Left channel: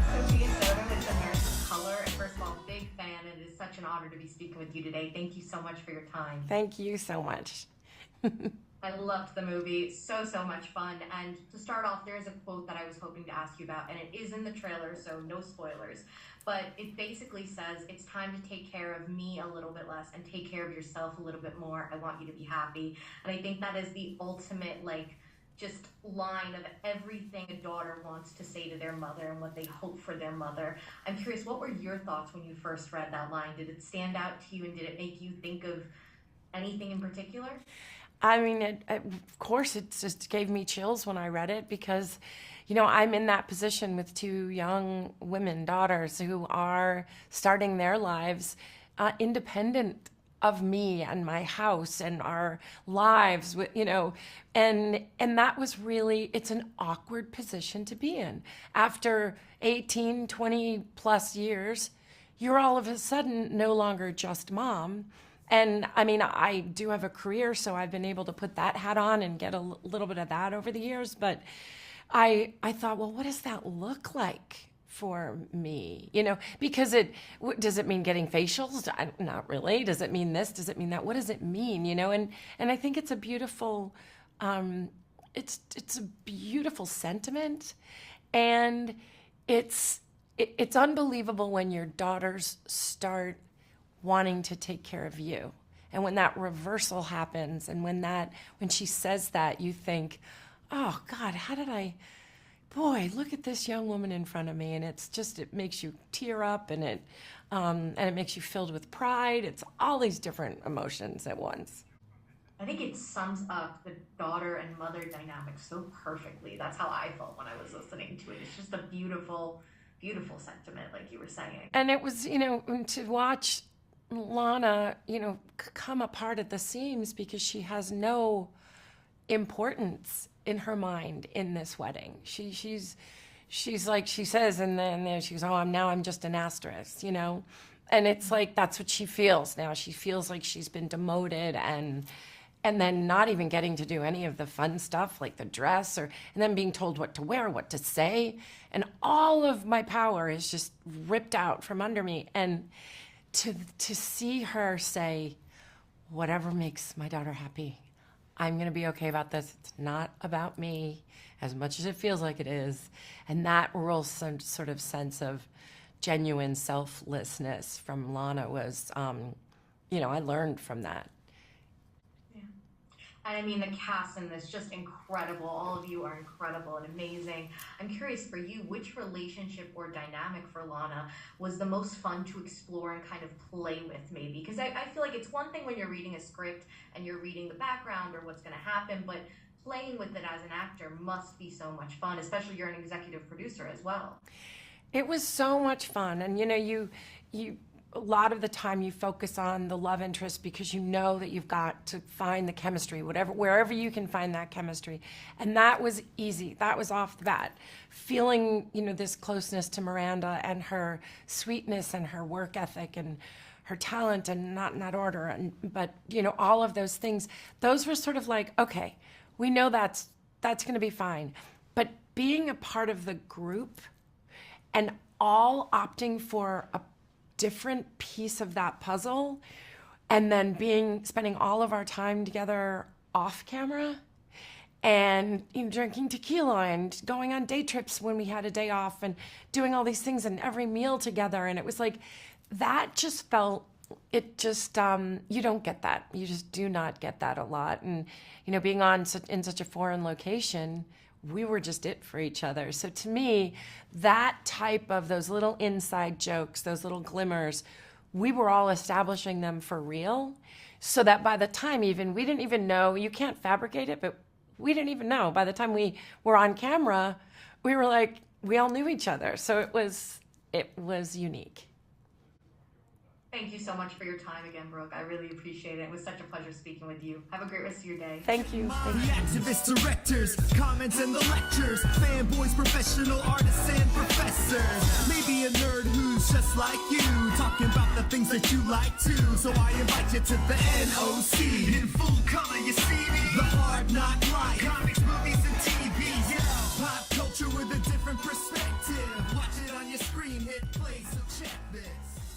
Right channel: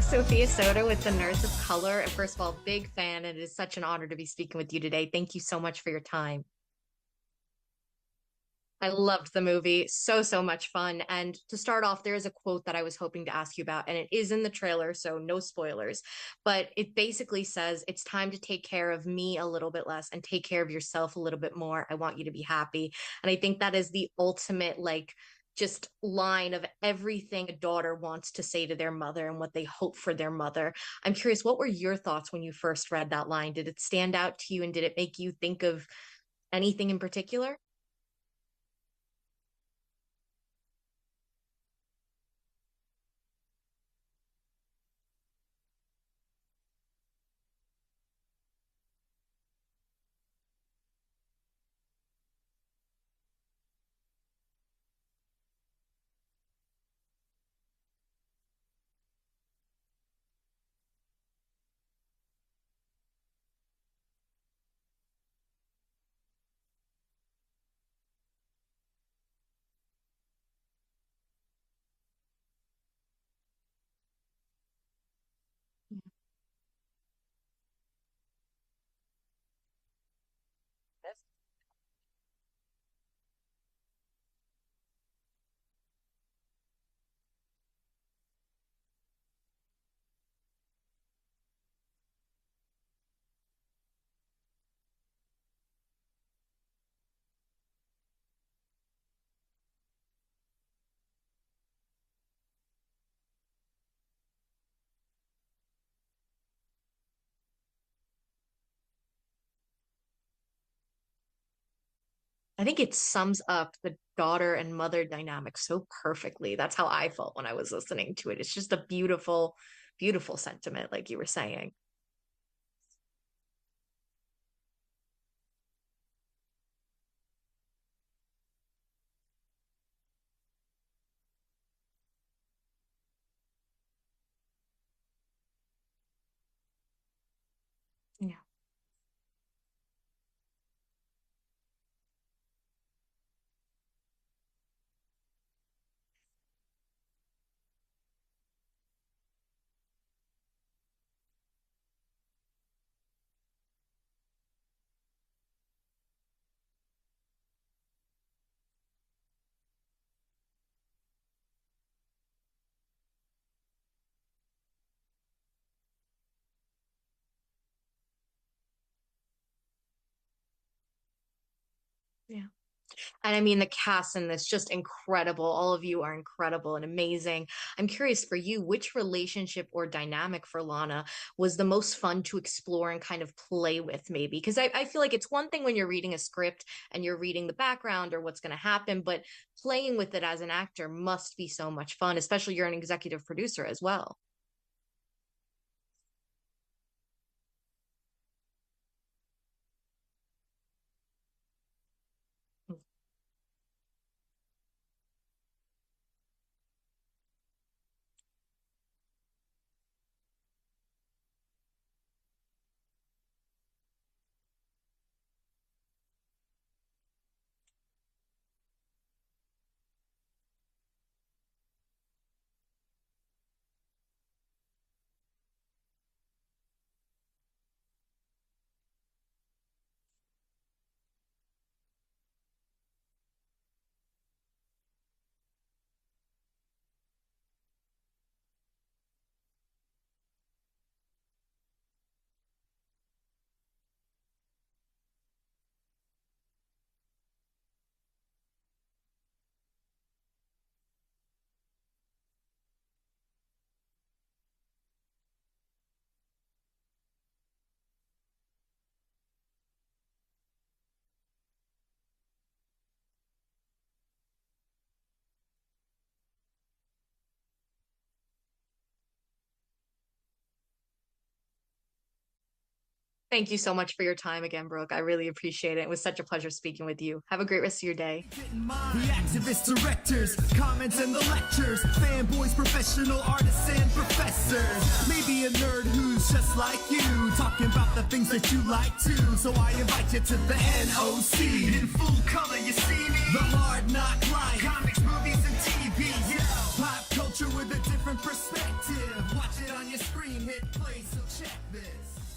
Sophia Soda with The Nurse of Color. First of all, big fan, and it is such an honor to be speaking with you today. Thank you so much for your time. Thank you so much. I loved the movie. So much fun. And to start off, there is a quote that I was hoping to ask you about, and it is in the trailer, so no spoilers. But it basically says, it's time to take care of me a little bit less and take care of yourself a little bit more. I want you to be happy. And I think that is the ultimate, like, just line of everything a daughter wants to say to their mother and what they hope for their mother. I'm curious, what were your thoughts when you first read that line? Did it stand out to you and did it make you think of anything in particular? I mean, of course, it just gave me chills when I read it because, I'm in that position with two young women, daughters, who are starting their lives independent of me and my house and our lives, and that was really, it's an awkward position to be in. After 18, 20 plus years, you're all of a sudden no longer just mom. And I mean, I do have a career, so I've been able to put that hat on and get a little bit of that over the years. But I thought, well, what does that look like for me? Because does it mean getting facials? Not really. Does it mean this? Does it mean that? What does it mean? And I think it's a beautiful, it's a beautiful sentiment, and it's unbelievable when your daughters start wanting to take care of you. And when that reversal happens and when she says that, you think, oh God, boy, look at this young woman in front of me. And it makes you tear up, and it makes you filled with pride. It's all these different emotions at once. I think it sums up the daughter and mother dynamic so perfectly. That's how I felt when I was listening to it. It's just a beautiful, beautiful sentiment, like you were saying. And it was, to watch Lana, come apart at the seams because she has no importance in her mind in this wedding. She's like, she says, and then she goes, oh, I'm just an asterisk, and it's like, that's what she feels now. She feels like she's been demoted and then not even getting to do any of the fun stuff like the dress, and then being told what to wear, what to say, and all of my power is just ripped out from under me. And to see her say, whatever makes my daughter happy, I'm going to be okay about this. It's not about me as much as it feels like it is. And that real sort of sense of genuine selflessness from Lana was, I learned from that. Yeah. And I mean, the cast in this, just incredible. All of you are incredible and amazing. I'm curious for you, which relationship or dynamic for Lana was the most fun to explore and kind of play with, maybe? Because I feel like it's one thing when you're reading a script and you're reading the background or what's going to happen, but playing with it as an actor must be so much fun, especially you're an executive producer as well. It was so much fun. And, you a lot of the time you focus on the love interest because you know that you've got to find the chemistry, wherever you can find that chemistry. And that was easy. That was off the bat. Feeling, this closeness to Miranda and her sweetness and her work ethic and her talent, and not in that order, but all of those things, those were sort of like, okay, we know that's going to be fine. But being a part of the group and all opting for a different piece of that puzzle, and then spending all of our time together off camera and drinking tequila and going on day trips when we had a day off and doing all these things and every meal together. And it was like, that just felt, you don't get that. You just do not get that a lot. And, being in such a foreign location, we were just it for each other. So to me, that type of those little inside jokes, those little glimmers, we were all establishing them for real, so that by the time we didn't even know, you can't fabricate it, but we didn't even know. By the time we were on camera, we were like, we all knew each other. So it was unique. Thank you so much for your time again, Brooke. I really appreciate it. It was such a pleasure speaking with you. Have a great rest of your day. Thank you. The activists, directors, comments and the lectures, fanboys, professional artists and professors. Maybe a nerd who's just like you, talking about the things that you like too. So I invite you to the NOC. In full color, you see me. The hard knock life, comics, movies, and TV. Yeah, pop culture. culture with a different perspective. Watch it on your screen, hit play, so check this.